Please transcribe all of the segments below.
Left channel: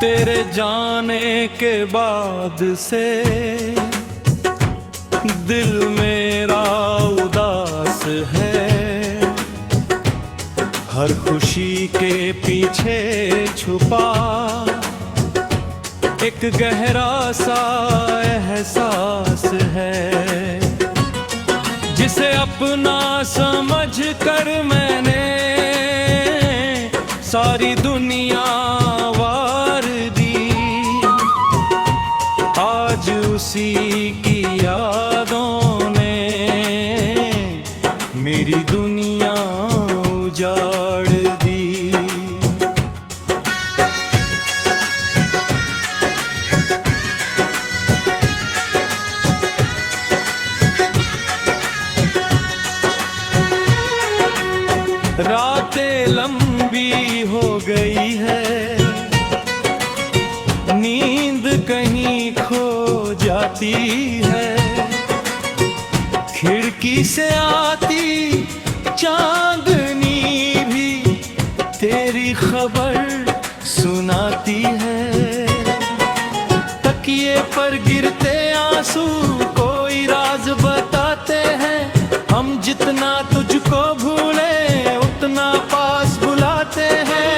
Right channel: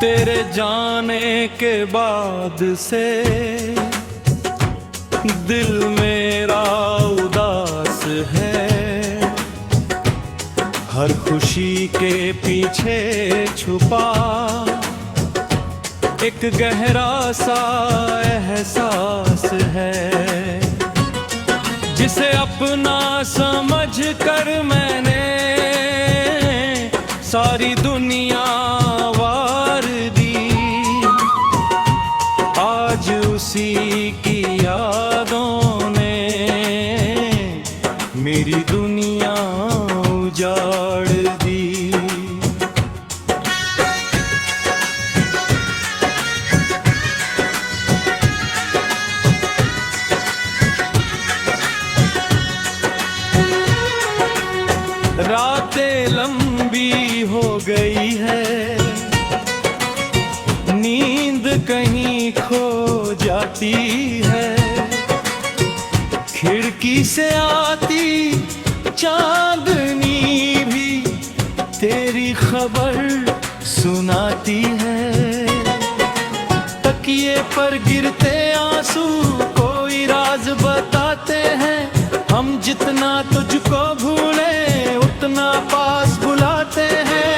तेरे जाने के बाद से दिल मेरा उदास है। हर खुशी के पीछे छुपा एक गहरा सा एहसास है, जिसे अपना समझ कर मैंने सारी दुनिया वार दी। आज उसी की यादों ने मेरी दुनिया उजाड़ दी। रातें लंबी हो गई है, नींद कहीं खो जाती है। खिड़की से आती चांदनी भी तेरी खबर सुनाती है। तकिए पर गिरते आंसू कोई राज बताते हैं। हम जितना तुझको भूले उतना पास बुलाते हैं।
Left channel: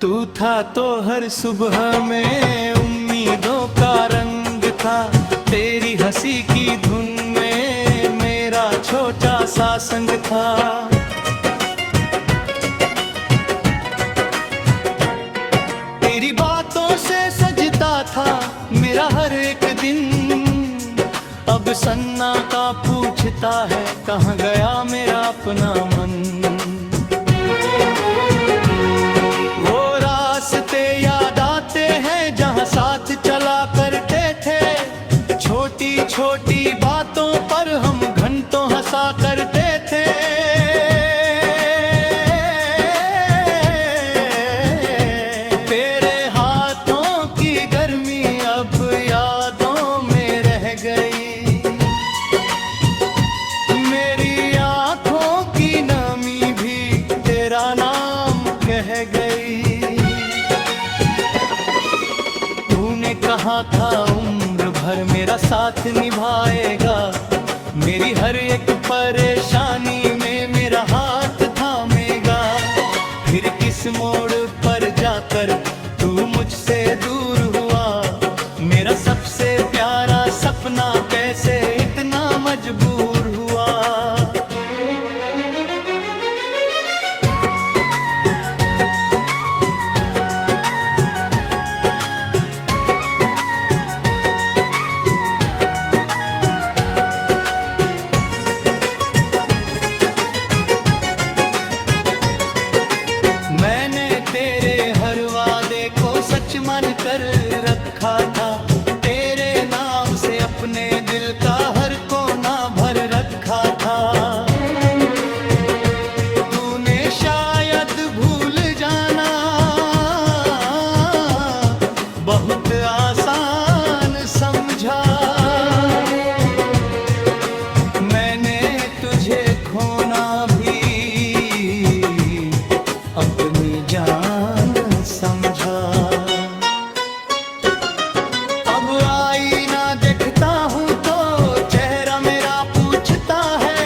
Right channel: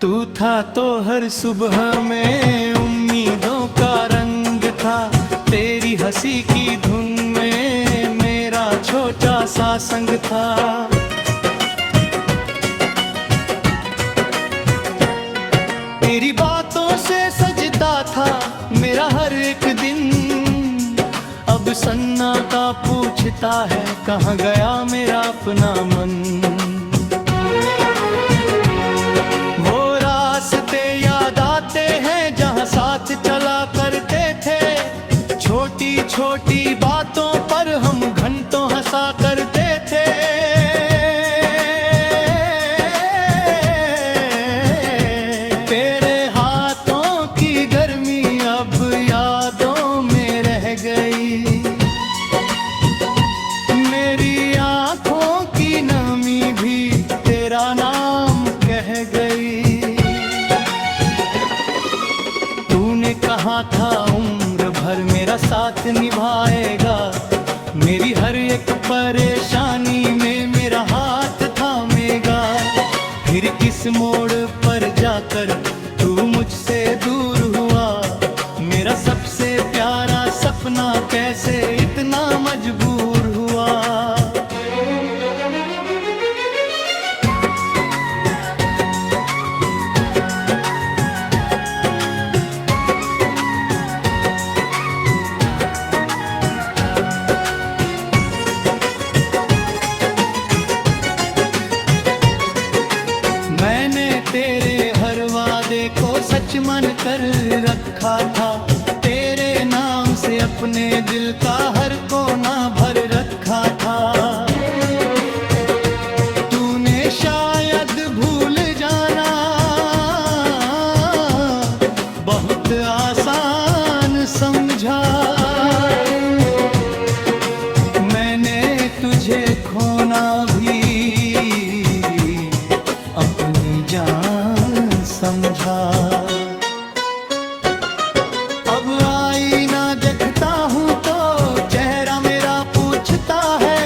तू था तो हर सुबह में उम्मीदों का रंग था। तेरी हंसी की धुन में मेरा छोटा सा संग था। तेरी बातों से सजता था मेरा हर एक दिन। अब सन्नाटा पूछता है कहाँ गया मेरा अपना मन। रास्ते याद आते हैं जहाँ साथ चला करते थे। छोटी छोटी बातों पर हम घंटों हंसा करते थे। तेरे हाथों की गर्मी अब यादों में रह गई। मेरी आंखों की नमी भी तेरा नाम कह गई। कहा था उम्र भर मेरा साथ निभाएगा। मेरी हर एक परेशानी में मेरा हाथ थामेगा। फिर किस मोड़ पर जाकर तू मुझसे दूर हुआ। मेरा सबसे प्यारा सपना कैसे इतना मजबूर हुआ। मैंने तेरे हर वादे को सच मान कर रखा था। तेरे नाम से अपने दिल का हर कोना भर रखा था। तूने शायद भूल जाना बहुत आसान समझा। मैंने तुझे खोना भी अपनी जान समझा। अब आईना देखता हूँ तो चेहरा मेरा पूछता है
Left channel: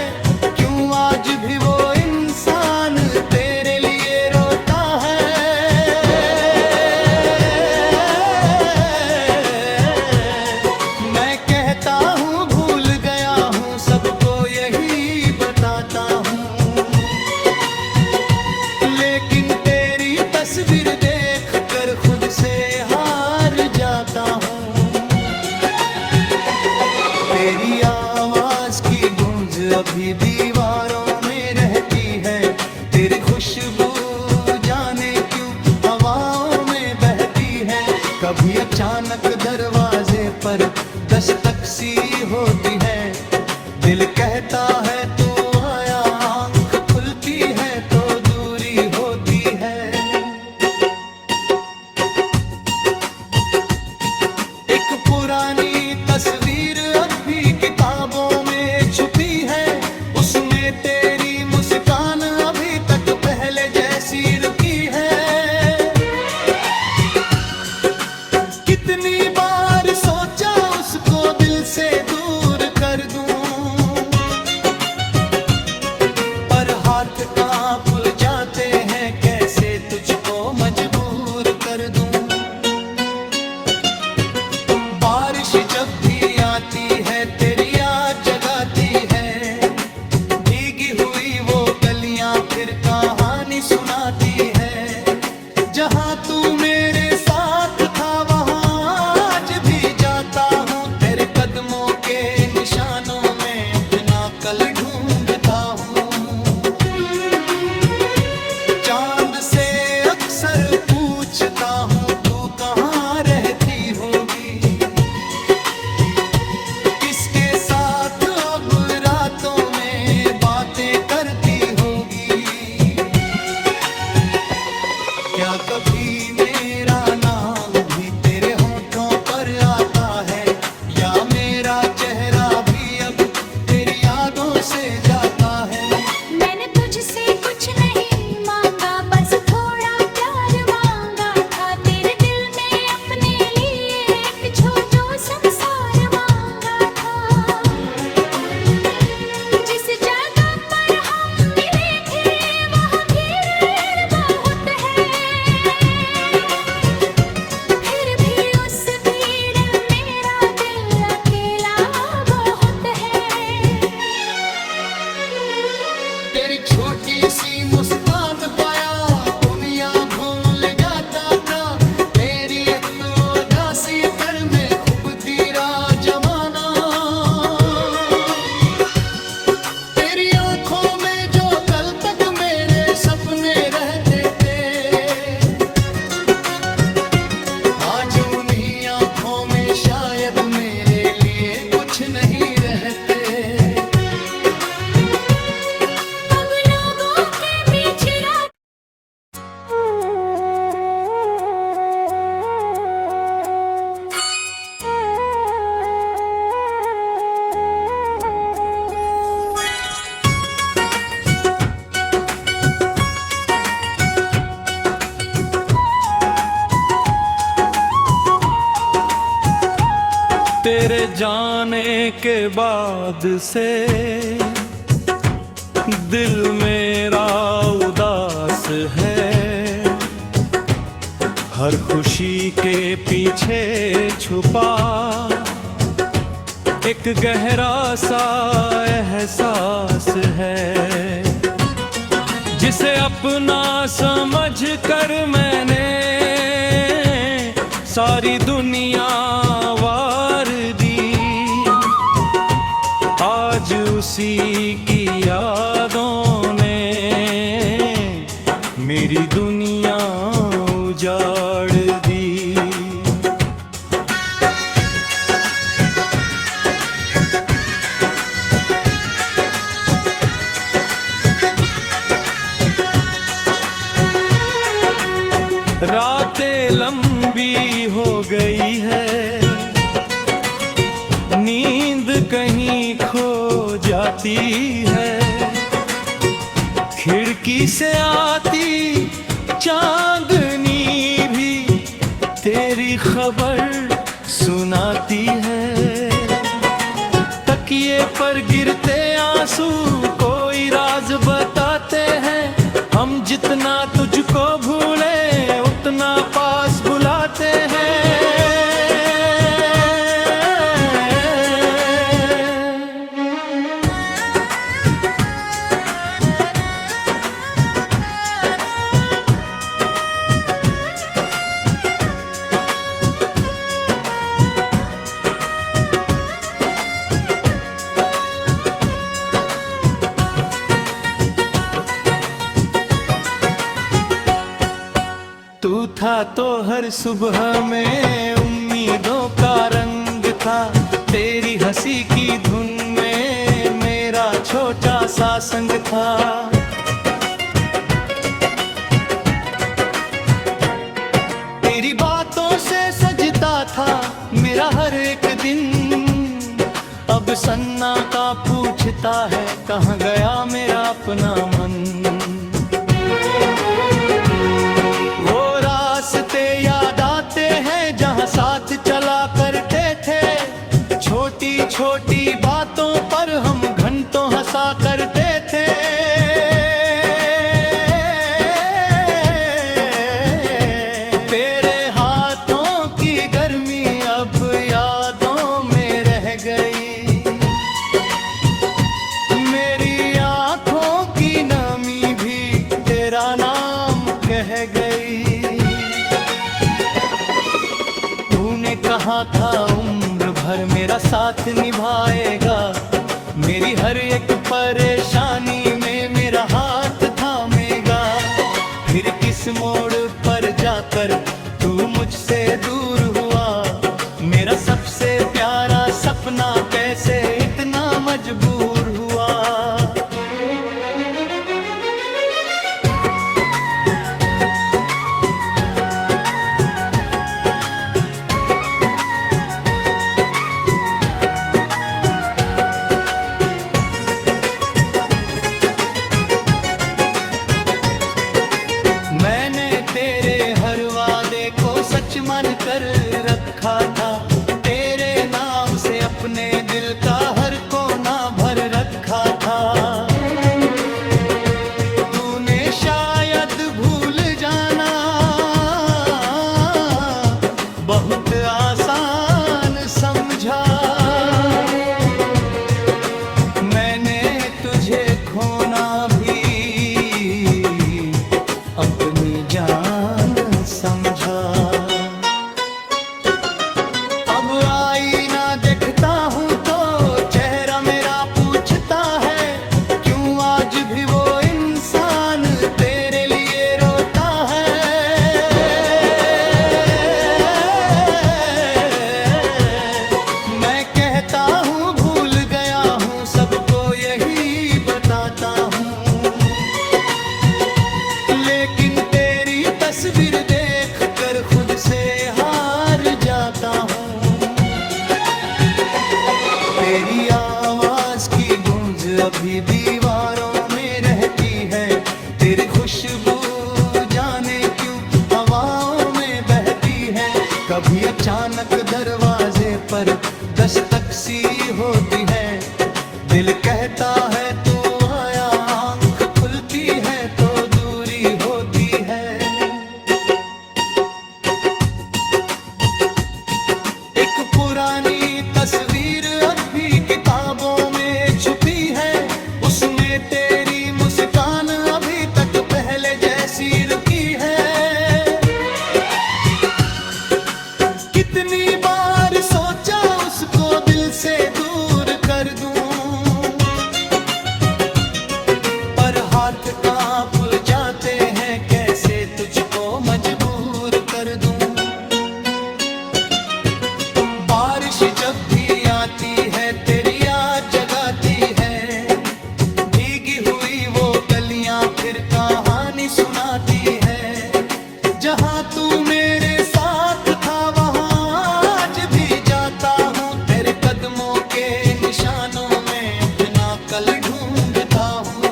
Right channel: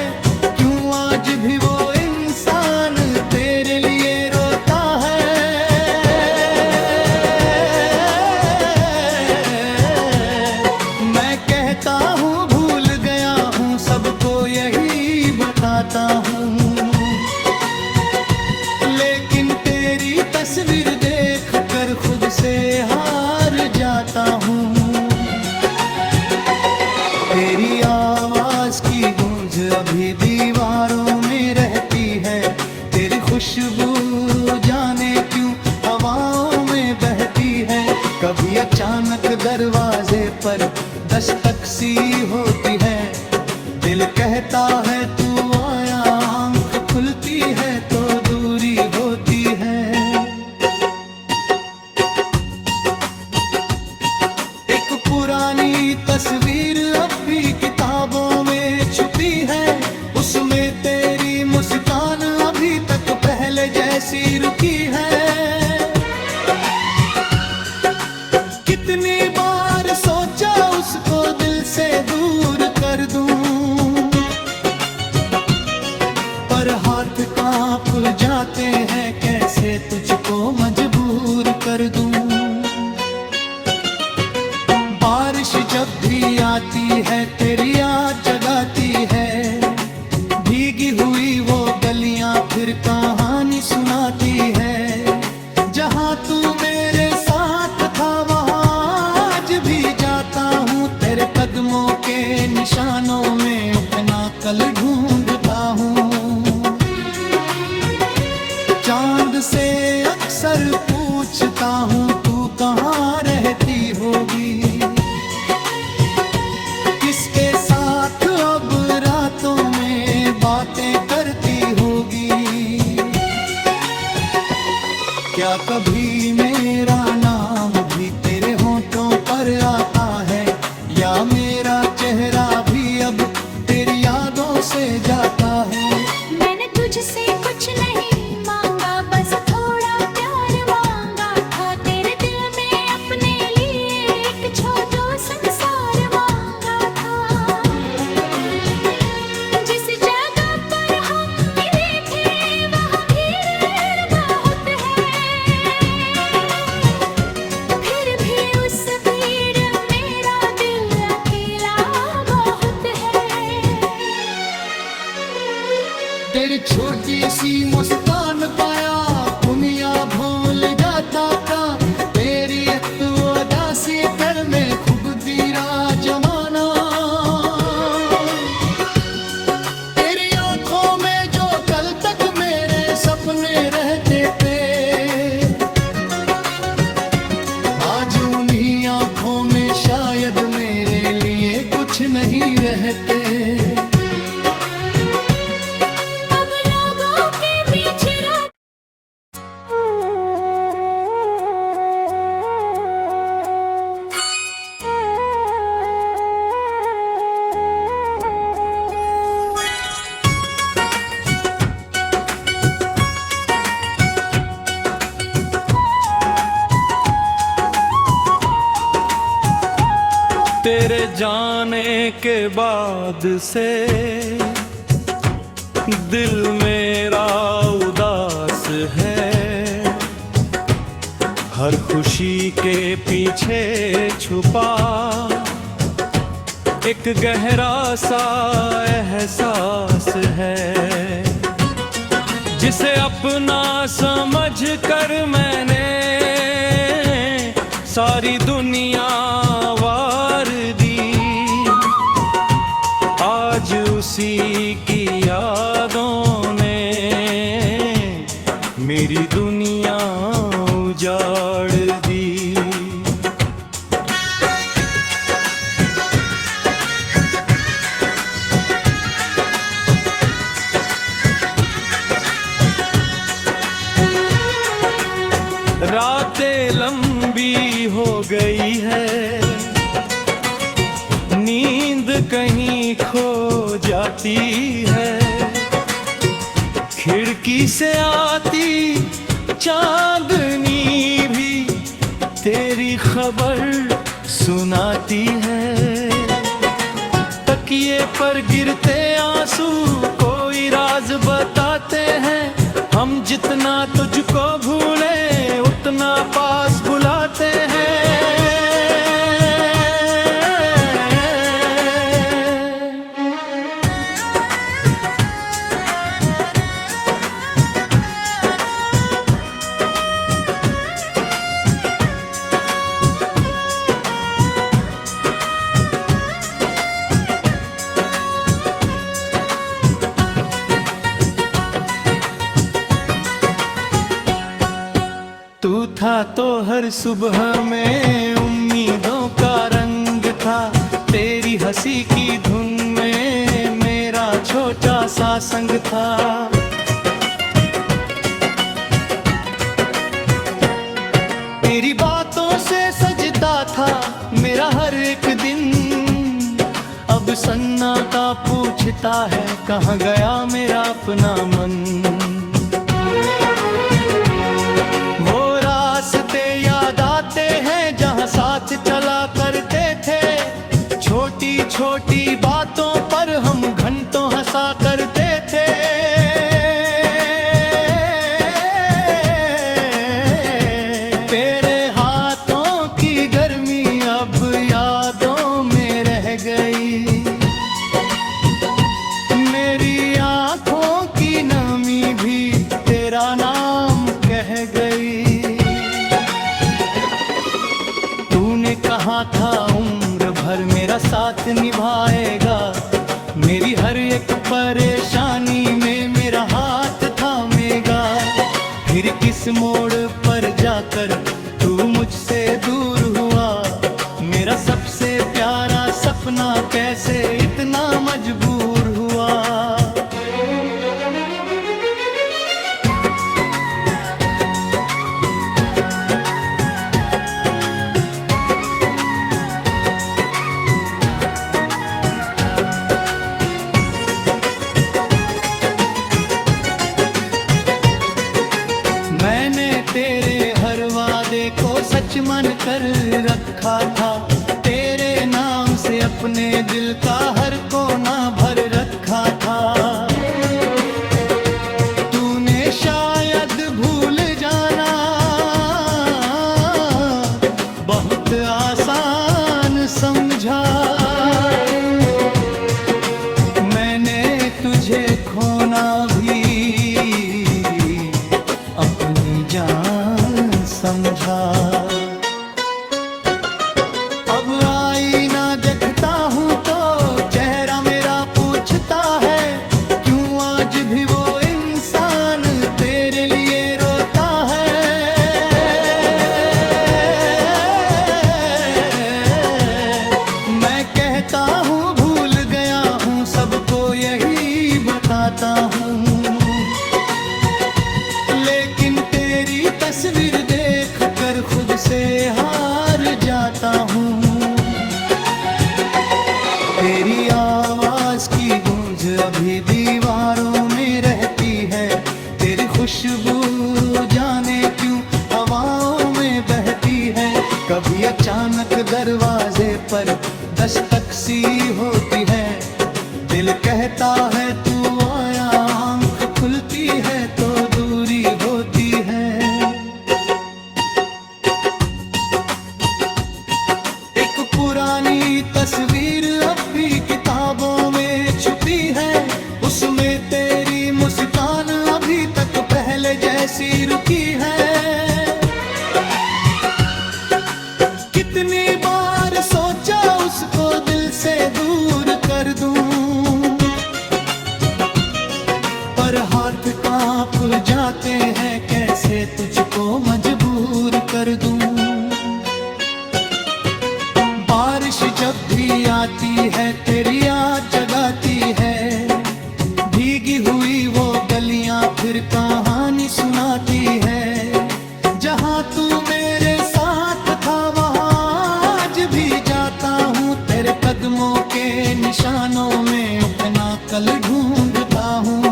क्यों आज भी वो इंसान तेरे लिए रोता है। मैं कहता हूँ भूल गया हूँ सबको यही बताता हूँ। लेकिन तेरी तस्वीर देख कर खुद से हार जाता हूँ। तेरी आवाज की गूंज अभी दीवारों में रहती है। तेरी खुशबू जाने क्यों हवाओं में बहती है। कभी अचानक दरवाजे पर दस्तक सी होती है, दिल कहता है तू आया, आंख खुलती है तो दूरी होती है। एक पुरानी तस्वीर अब भी किताबों में छुपी है, उसमें तेरी मुस्कान अभी तक पहले जैसी रुकी है। कितनी बार सोचा उसको दिल से दूर कर दूं, पर हाथ कांप जाते हैं, कैसे तुझको मजबूर कर दूं। बारिश जब भी आती है तेरी याद जगाती है, भीगी हुई वो गलियां फिर कहानी सुनाती है। जहां तू मेरे साथ था वहां आज भी जाता हूँ, तेरे कदमों के निशानों में अपना कल ढूंढता हूँ। चांद से अक्सर पूछता हूँ तू कहाँ रहती होगी, किसके साथ अब रातों में बातें करती होगी। क्या कभी मेरा नाम भी तेरे होठों पर आता है, या मेरा चेहरा भी अब तेरी यादों से जाता है। मैंने तुझसे कुछ नहीं मांगा, बस थोड़ा प्यार मांगा था, तेरे दिल में अपने लिए एक छोटो संसार मांगा था। जिस जगह पर हम मिले थे वहाँ भीड़ बहुत है, फिर भी उस भीड़ मेरा दिल अकेला बहुत है। तेरी छोटी सी मुस्कान पाया दुनिया भूल जाता था, तेरी एक तो उदासी पर में खूब गिरा जमाना। तेरी आंखों में जो कल तक मेरे सपने रहते थे, आज उन्हीं आंखों में शायद मेरे लिए कुछ नहीं रहते। अब लोगों के बीच तेरे जाने के बाद से दिल मेरा उदास है, हर खुशी के पीछे छुपा एक गहरा सा एहसास है, जिसे अपना समझ कर मैंने सारी दुनिया वार दी। आज उसी की यादों ने मेरी दुनिया उजाड़ दी। रातें लंबी हो गई है, नींद कहीं खो जाती है, खिड़की से आती चांदनी भी तेरी खबर सुनाती है। तकिए पर गिरते आंसू कोई राज बताते हैं, हम जितना तुझको भूले उतना पास बुलाते हैं। तू था तो हर सुबह में उम्मीदों का रंग था, तेरी हंसी की धुन में मेरा छोटा सा संग था। तेरी बातों से सजता था मेरा हर एक दिन, अब सन्नाटा पूछता है कहाँ गया मेरा अपना मन। वो रास्ते याद आते हैं जहाँ साथ चला करते थे, छोटी छोटी बातों पर हम घंटों हंसा करते थे। तेरे हाथों की गर्मी अब यादों में रह गई, मेरी आंखों की नमी भी तेरा नाम कह गई। तूने कहा था उम्र भर मेरा साथ निभाएगा, मेरी हर एक परेशानी में मेरा हाथ थामेगा। फिर किस मोड़ पर जाकर तू मुझसे दूर हुआ, मेरा सबसे प्यारा सपना कैसे इतना मजबूर हुआ। मैंने तेरे हर वादे को सच मान कर रखा था, तेरे नाम से अपने दिल का हर कोना भर रखा था। तूने शायद भूल जाना बहुत आसान समझा, मैंने तुझे खोना भी अपनी जान समझा। अब आईना देखता हूँ तो चेहरा मेरा पूछता है, क्यों आज भी वो इंसान तेरे लिए रोता है। मैं कहता हूँ भूल गया हूँ, सबको यही बताता हूँ, लेकिन तेरी तस्वीर देख कर खुद से हार जाता हूँ। तेरी आवाज की गूंज अभी दीवारों में रहती है, तेरी खुशबू जाने क्यों हवाओं में बहती है। कभी अचानक दरवाजे पर दस्तक सी होती है, दिल कहता है तू आया, आंख खुलती है तो दूरी होती है। एक पुरानी तस्वीर अब भी किताबों में छुपी है, उसमें तेरी मुस्कान अभी तक पहले जैसी रुकी है। कितनी बार सोचा उसको दिल से दूर कर दूं, पर हाथ कांप जाते हैं, कैसे तुझको मजबूर कर दूं। बारिश जब भी आती है तेरी याद जगाती है, भीगी हुई वो गलियां फिर कहानी सुनाती है। जहां तू मेरे साथ था वहां आज भी जाता हूँ, तेरे कदमों के निशानों में अपना कल ढूंढता हूँ।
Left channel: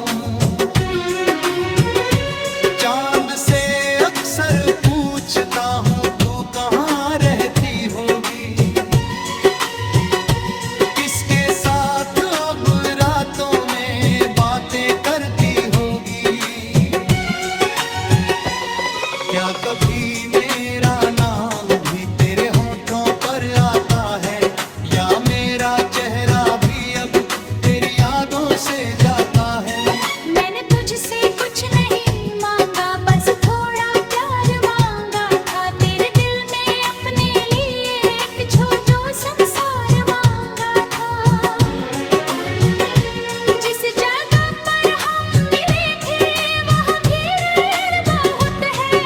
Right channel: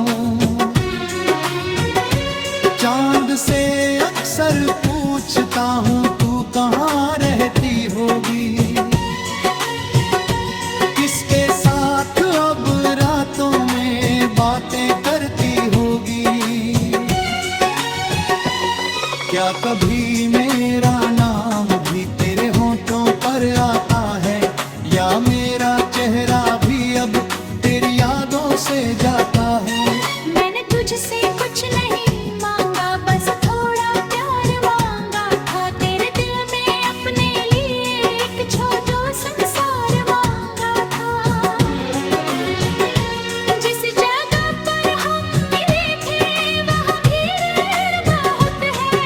चांद से अक्सर पूछता हूँ तू कहाँ रहती होगी, किसके साथ अब रातों में बातें करती होगी। क्या कभी मेरा नाम भी तेरे होठों पर आता है, या मेरा चेहरा भी अब तेरी यादों से जाता है। मैंने तुझसे कुछ नहीं मांगा, बस थोड़ा प्यार मांगा था, तेरे दिल में अपने लिए एक छोटू संसार मांगा था। जिस जगह पर हम मिले थे वहाँ भीड़ बहुत है,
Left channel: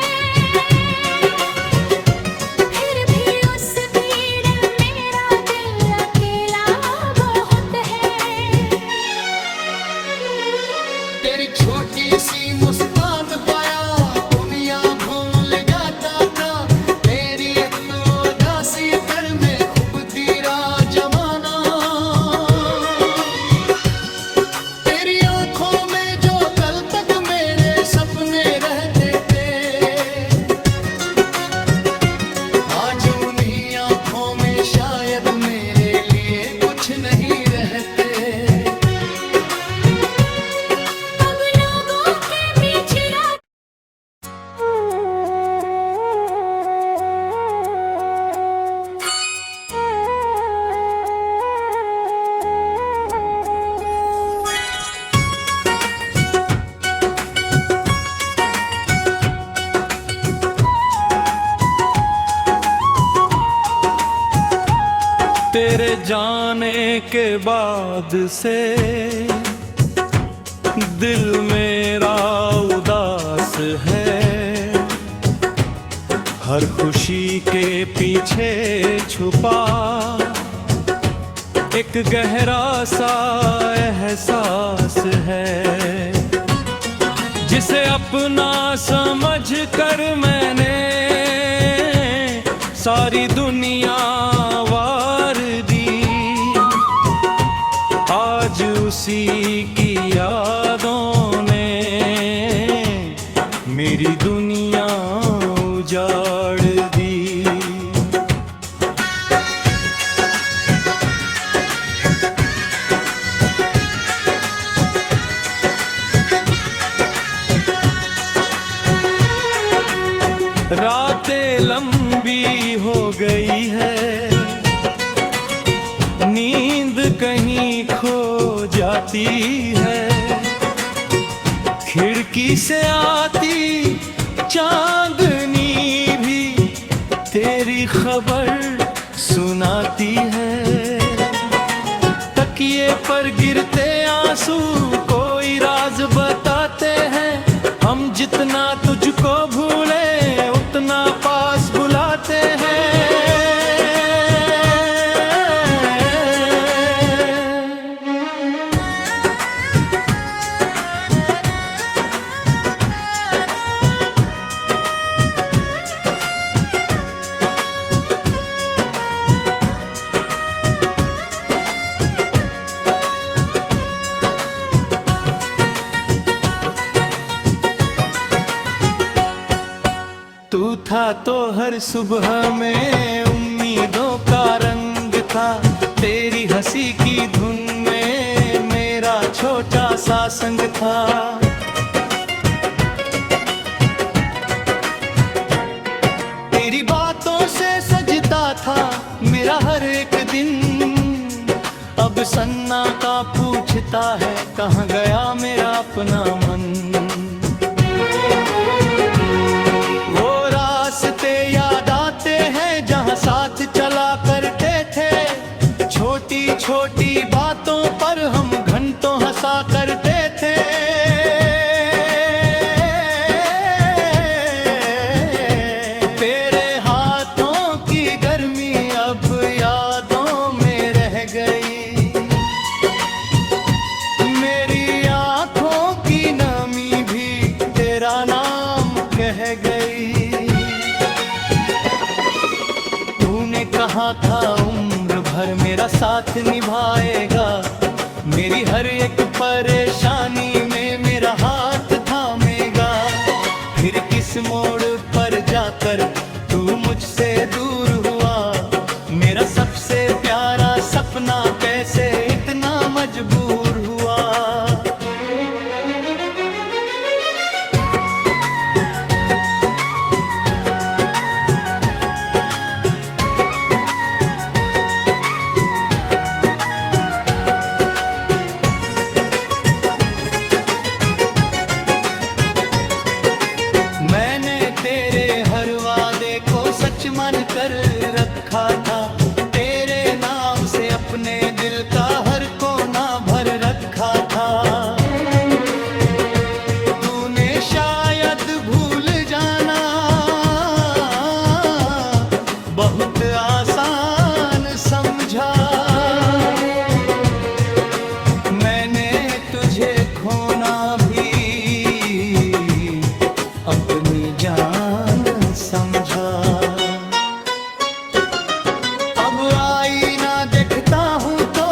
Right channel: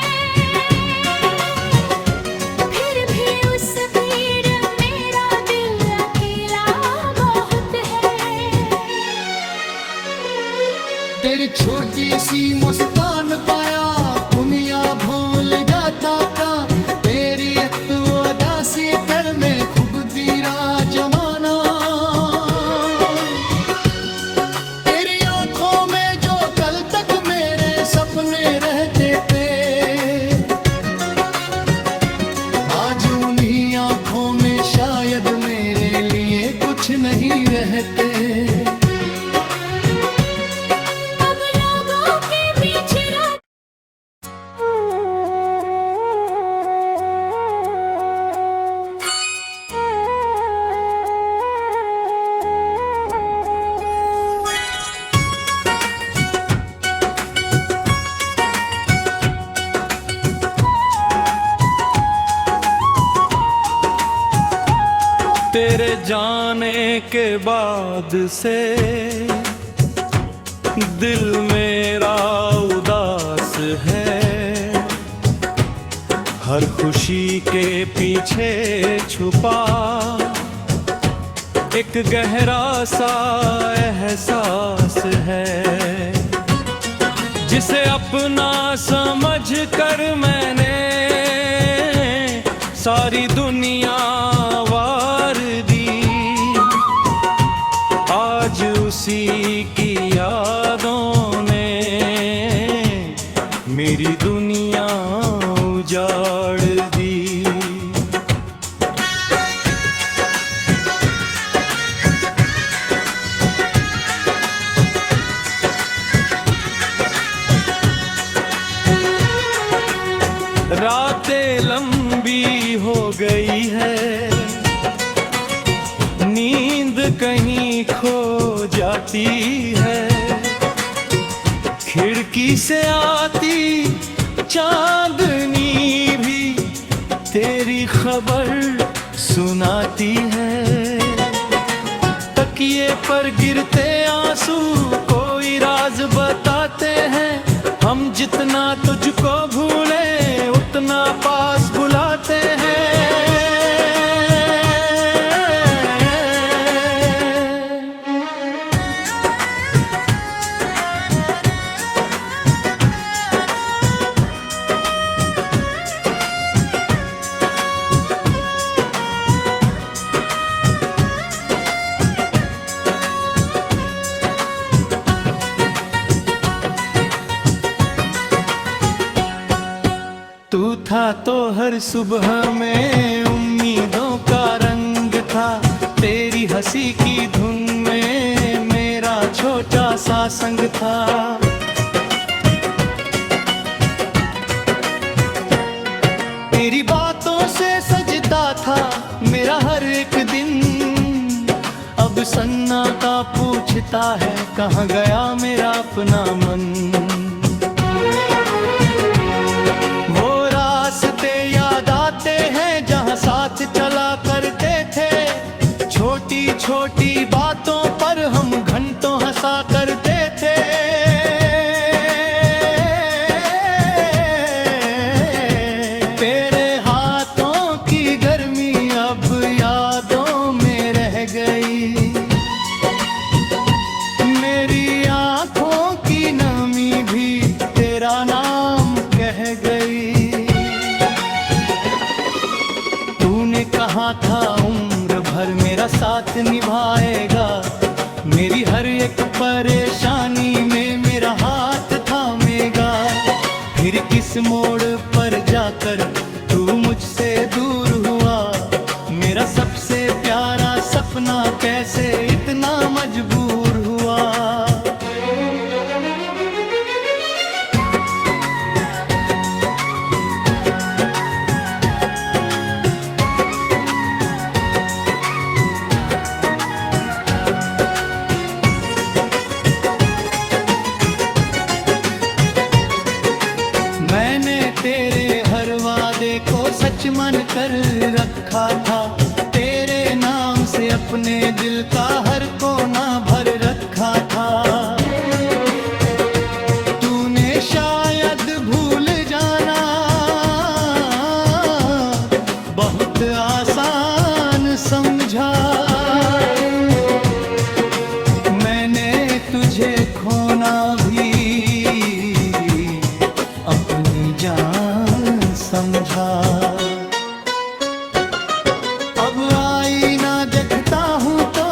तेरे जाने के बाद से दिल मेरा उदास है। हर खुशी के पीछे छुपा एक गहरा सा एहसास है, जिसे अपना समझ कर मैंने सारी दुनिया वार दी। आज उसी की यादों ने मेरी दुनिया उजाड़ दी। रातें लंबी हो गई है, नींद कहीं खो जाती है। खिड़की से आती चांदनी भी तेरी खबर सुनाती है। तकिए पर गिरते आंसू कोई राज बताते हैं। हम जितना तुझको भूले उतना पास बुलाते हैं। तू था तो हर सुबह में उम्मीदों का रंग था। तेरी हंसी की धुन में मेरा छोटा सा संग था। तेरी बातों से सजता था मेरा हर एक दिन। अब सन्नाटा पूछता है कहाँ गया मेरा अपना मन। रास्ते याद आते हैं जहाँ साथ चला करते थे। छोटी छोटी बातों पर हम घंटों हंसा करते थे। तेरे हाथों की गर्मी अब यादों में रह गई। मेरी आंखों की नमी भी तेरा नाम कह गई। तूने कहा था उम्र भर मेरा साथ निभाएगा। मेरी हर एक परेशानी में मेरा हाथ थामेगा। फिर किस मोड़ पर जाकर तू मुझसे दूर हुआ। मेरा सबसे प्यारा सपना कैसे इतना मजबूर हुआ। मैंने तेरे हर वादे को सच मान कर रखा था। तेरे नाम से अपने दिल का हर कोना भर रखा था। तूने शायद भूल जाना बहुत आसान समझा। मैंने तुझे खोना भी अपनी जान समझा। अब आईना देखता हूँ तो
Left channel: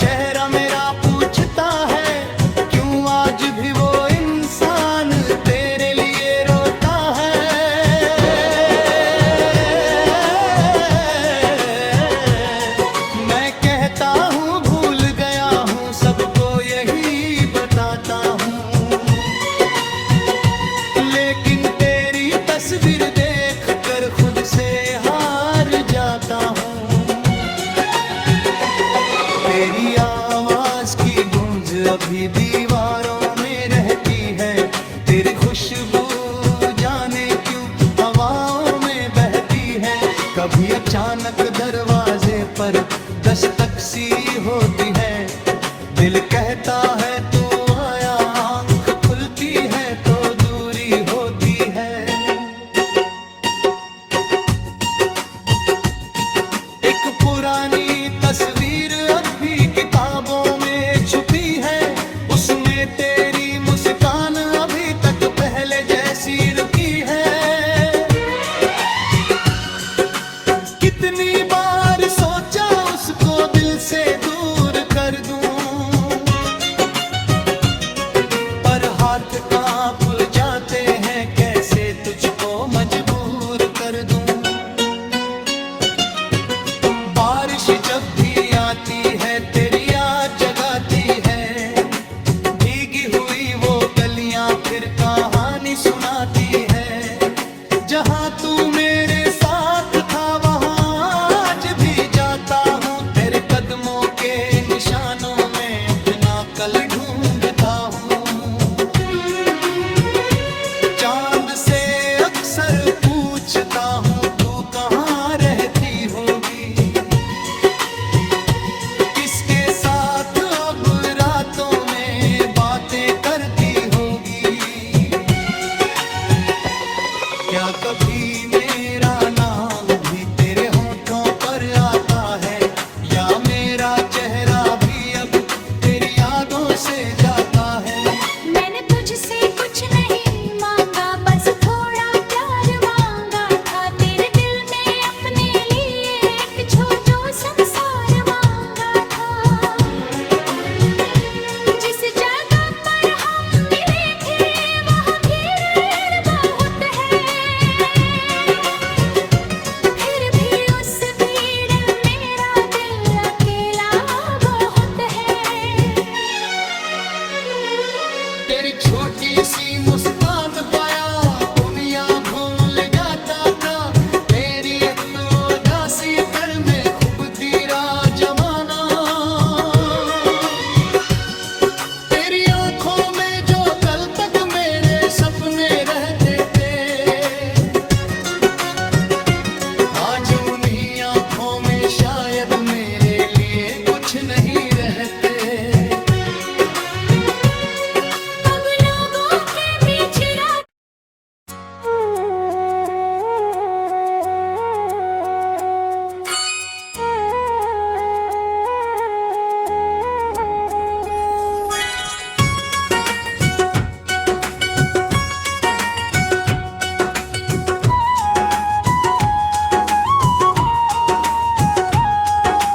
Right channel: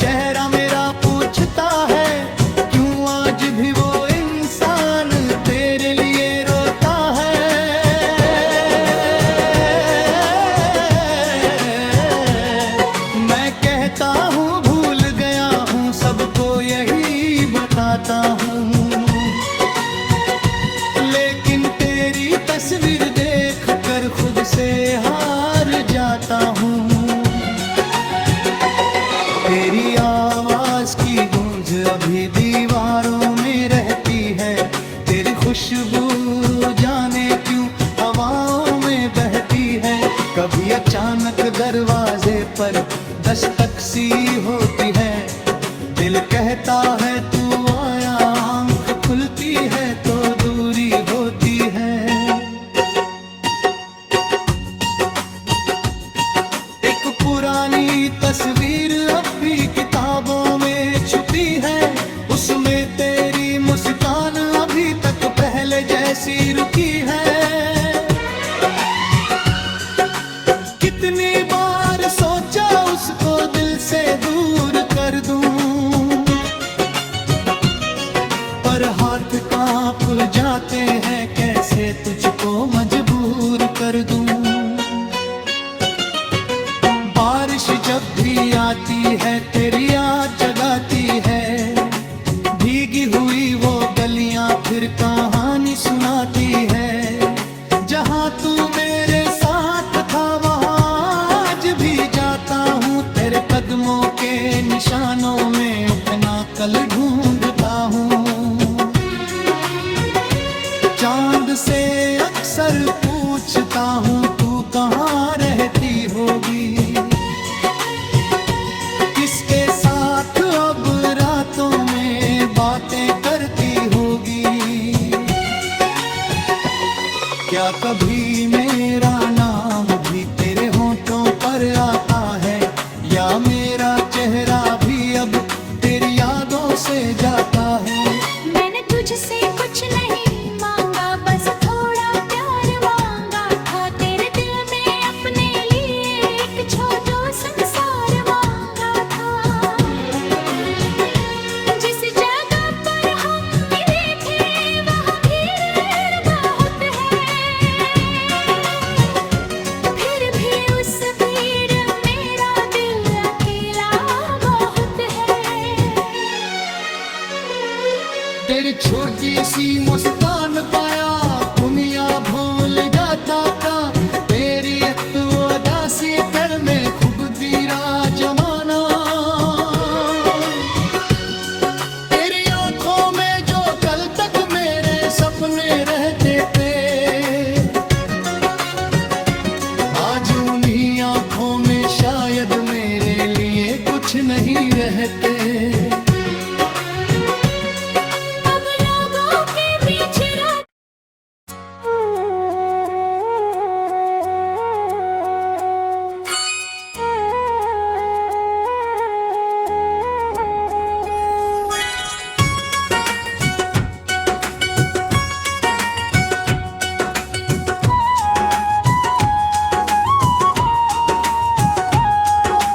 चेहरा मेरा पूछता है क्यों आज भी वो इंसान तेरे लिए रोता है। मैं कहता हूँ भूल गया हूँ सबको यही बताता हूँ। लेकिन तेरी तस्वीर देख कर खुद से हार जाता हूँ। तेरी आवाज की गूंज अभी दीवारों में रहती है। तेरी खुशबू जाने क्यों हवाओं में बहती है। कभी अचानक दरवाजे पर दस्तक सी होती है, दिल कहता है तू आया, आंख खुलती है तो दूरी होती है। एक पुरानी तस्वीर अब भी किताबों में छुपी है, उसमें तेरी मुस्कान अभी तक पहले जैसी रुकी है। कितनी बार सोचा उसको दिल से दूर कर दूं, पर हाथ कांप जाते हैं, कैसे तुझको मजबूर कर दूं। बारिश जब भी आती है तेरी याद जगाती है, भीगी हुई वो गलियां फिर कहानी सुनाती है। जहां तू मेरे साथ था वहां आज भी जाता हूँ, तेरे कदमों के निशानों में अपना कल ढूंढता हूँ। चांद से अक्सर पूछता हूँ तू कहाँ रहती होगी, किसके साथ अब रातों में बातें करती होगी। क्या कभी मेरा नाम भी तेरे होठों पर आता है, या मेरा चेहरा भी अब तेरी यादों से जाता है। मैंने तुझसे कुछ नहीं मांगा, बस थोड़ा प्यार मांगा था, तेरे दिल में अपने लिए एक छोटू संसार मांगा था। जिस जगह पर हम मिले थे वहाँ भीड़ बहुत है, फिर भी उस भीड़ मेरा दिल अकेला बहुत है। तेरी छोटी सी मुस्कान पाया दुनिया भूल जाता था, तेरी एक तो उदासी कर में खूब गिरा जमाना। तेरी आंखों में जो कल तक मेरे सपने रहते थे, आज उन्हीं आंखों में शायद मेरे लिए कुछ नहीं रहते। अब लोगों के बीच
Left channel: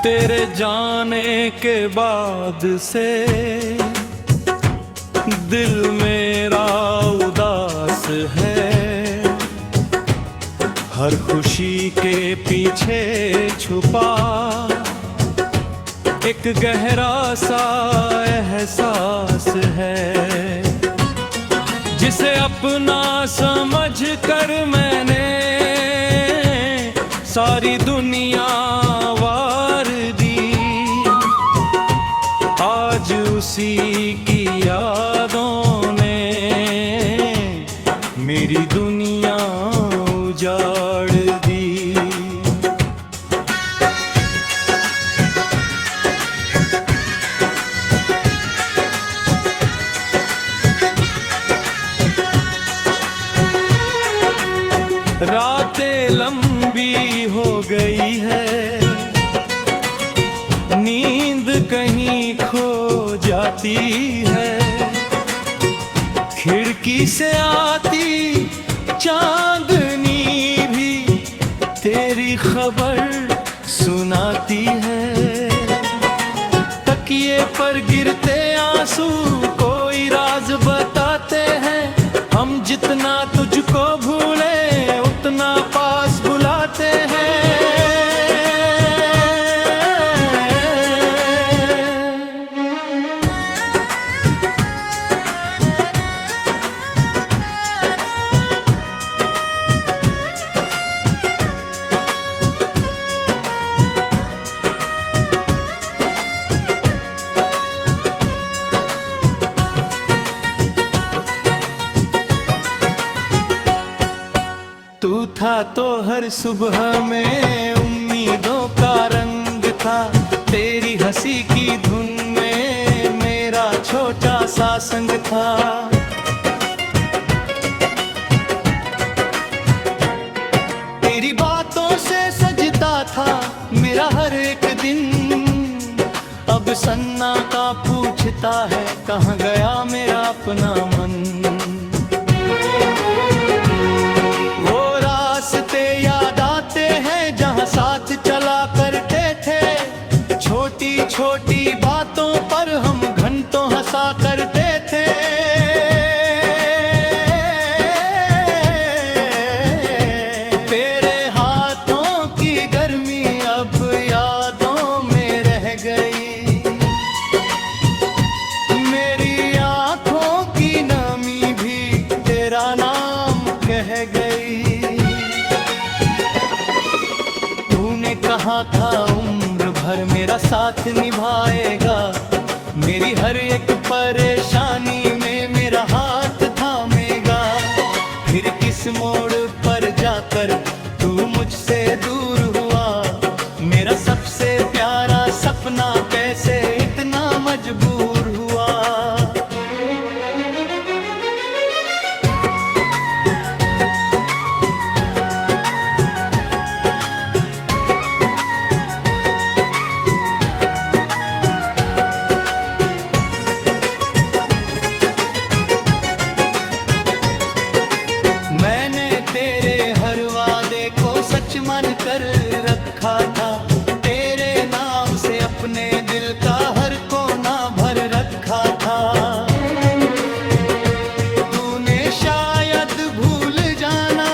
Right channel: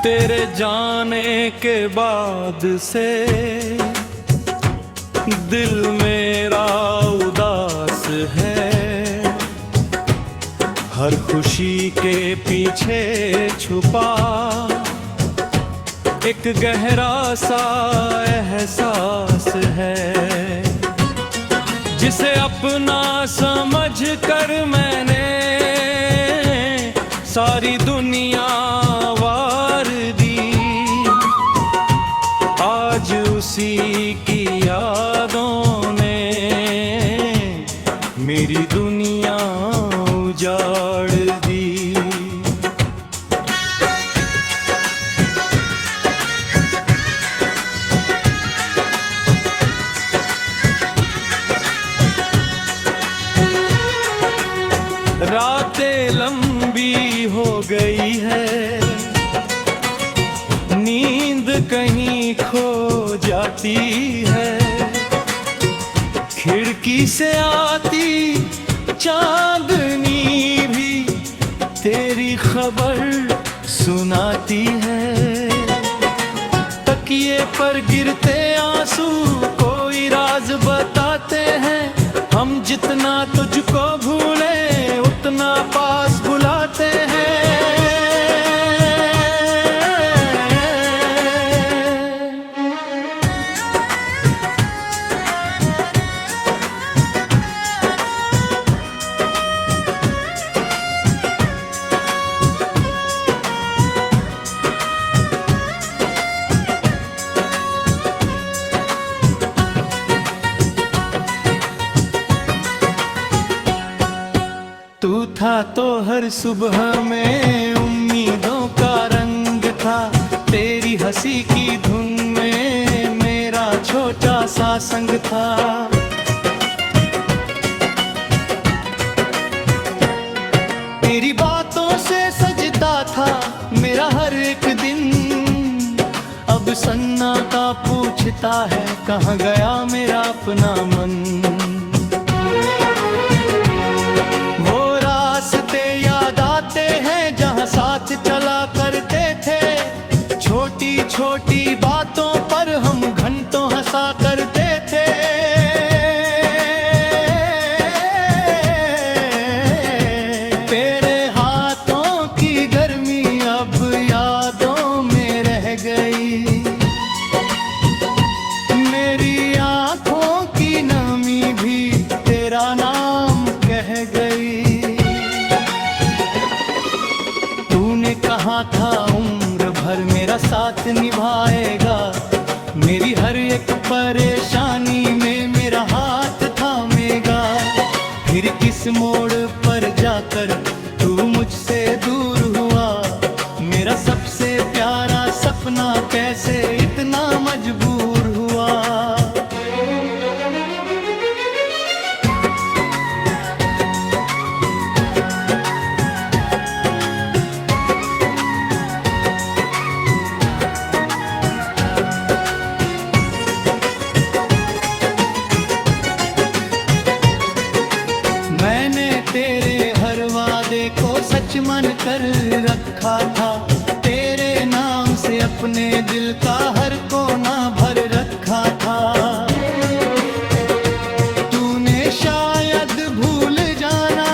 तेरे जाने के बाद से दिल मेरा उदास है, हर खुशी के पीछे छुपा एक गहरा सा एहसास है, जिसे अपना समझ कर मैंने सारी दुनिया वार दी। आज उसी की यादों ने मेरी दुनिया उजाड़ दी। रातें लंबी हो गई है, नींद कहीं खो जाती है, खिड़की से आती चांदनी भी तेरी खबर सुनाती है। तकिए पर गिरते आंसू कोई राज बताते हैं, हम जितना तुझको भूले उतना पास बुलाते हैं। तू था तो हर सुबह में उम्मीदों का रंग था, तेरी हंसी की धुन में मेरा छोटा सा संग था। तेरी बातों से सजता था मेरा हर एक दिन, अब सन्नाटा पूछता है कहाँ गया मेरा अपना मन। वो रास्ते याद आते हैं जहाँ साथ चला करते थे, छोटी छोटी बातों पर हम घंटों हंसा करते थे। तेरे हाथों की गर्मी अब यादों में रह गई, मेरी आंखों की नमी भी तेरा नाम कह गई। तूने कहा था उम्र भर मेरा साथ निभाएगा, मेरी हर एक परेशानी में मेरा हाथ थामेगा। फिर किस मोड़ पर जाकर तू मुझसे दूर हुआ, मेरा सबसे प्यारा सपना कैसे इतना मजबूर हुआ। मैंने तेरे हर वादे को सच मान कर रखा था, तेरे नाम से अपने दिल का हर कोना भर रखा था। तूने शायद भूल जाना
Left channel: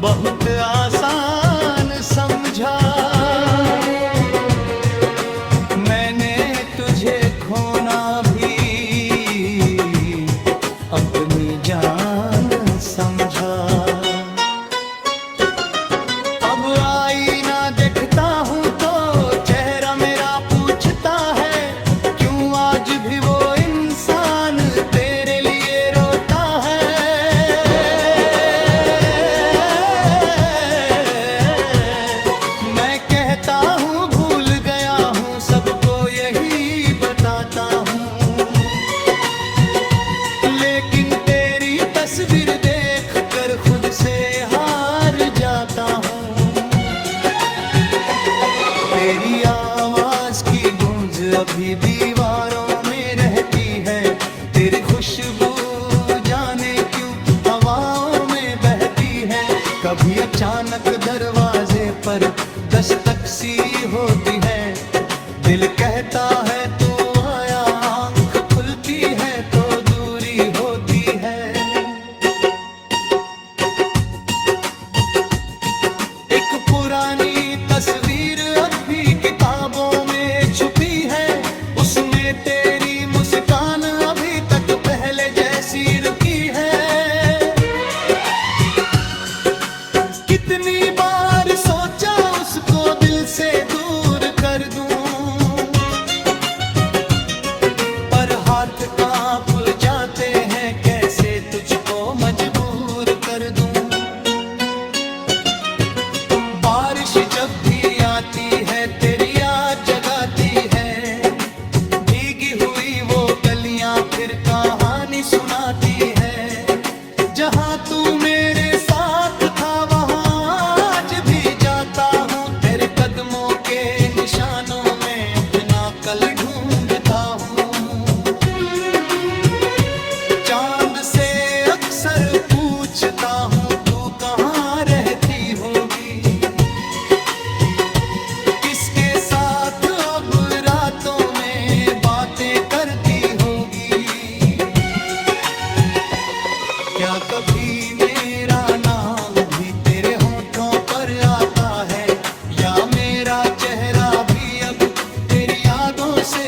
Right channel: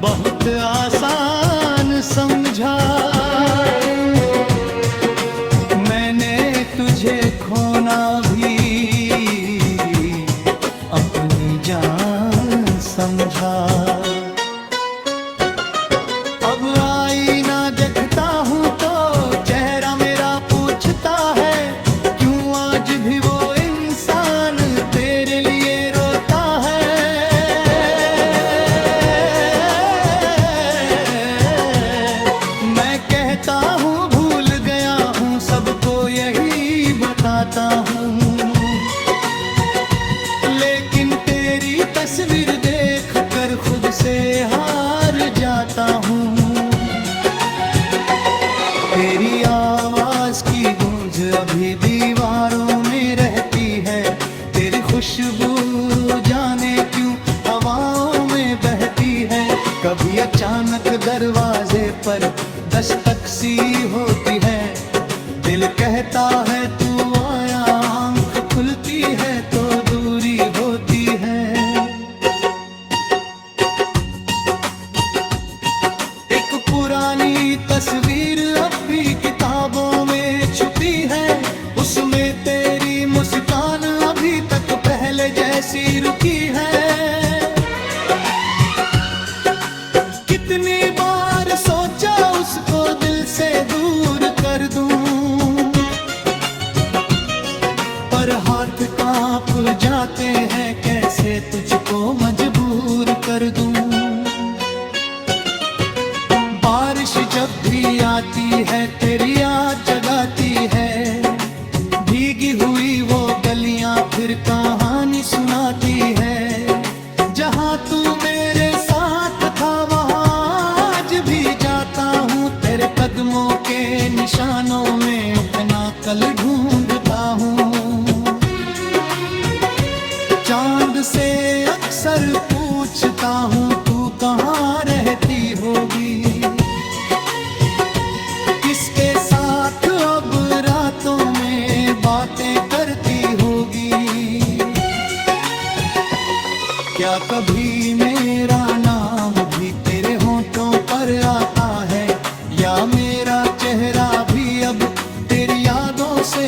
बहुत आसान समझा, मैंने तुझे खोना भी अपनी जान समझा। अब आईना देखता हूँ तो चेहरा मेरा पूछता है, क्यों आज भी वो इंसान तेरे लिए रोता है। मैं कहता हूँ भूल गया हूँ, सबको यही बताता हूँ, लेकिन तेरी तस्वीर देख कर खुद से हार जाता हूँ। तेरी आवाज की गूंज अभी दीवारों में रहती है, तेरी खुशबू जाने क्यों हवाओं में बहती है। कभी अचानक दरवाजे पर दस्तक सी होती है, दिल कहता है तू आया, आंख खुलती है तो दूरी होती है। एक पुरानी तस्वीर अब भी किताबों में छुपी है, उसमें तेरी मुस्कान अभी तक पहले जैसी रुकी है। कितनी बार सोचा उसको दिल से दूर कर दूं, पर हाथ कांप जाते हैं, कैसे तुझको मजबूर कर दूं। बारिश जब भी आती है तेरी याद जगाती है, भीगी हुई वो गलियां फिर कहानी सुनाती है। जहां तू मेरे साथ था वहां आज भी जाता हूँ, तेरे कदमों के निशानों में अपना कल ढूंढता हूँ। चांद से अक्सर पूछता हूँ तू कहाँ रहती होगी, किसके साथ अब रातों में बातें करती होगी। क्या कभी मेरा नाम भी तेरे होठों पर आता है, या मेरा चेहरा भी अब तेरी यादों से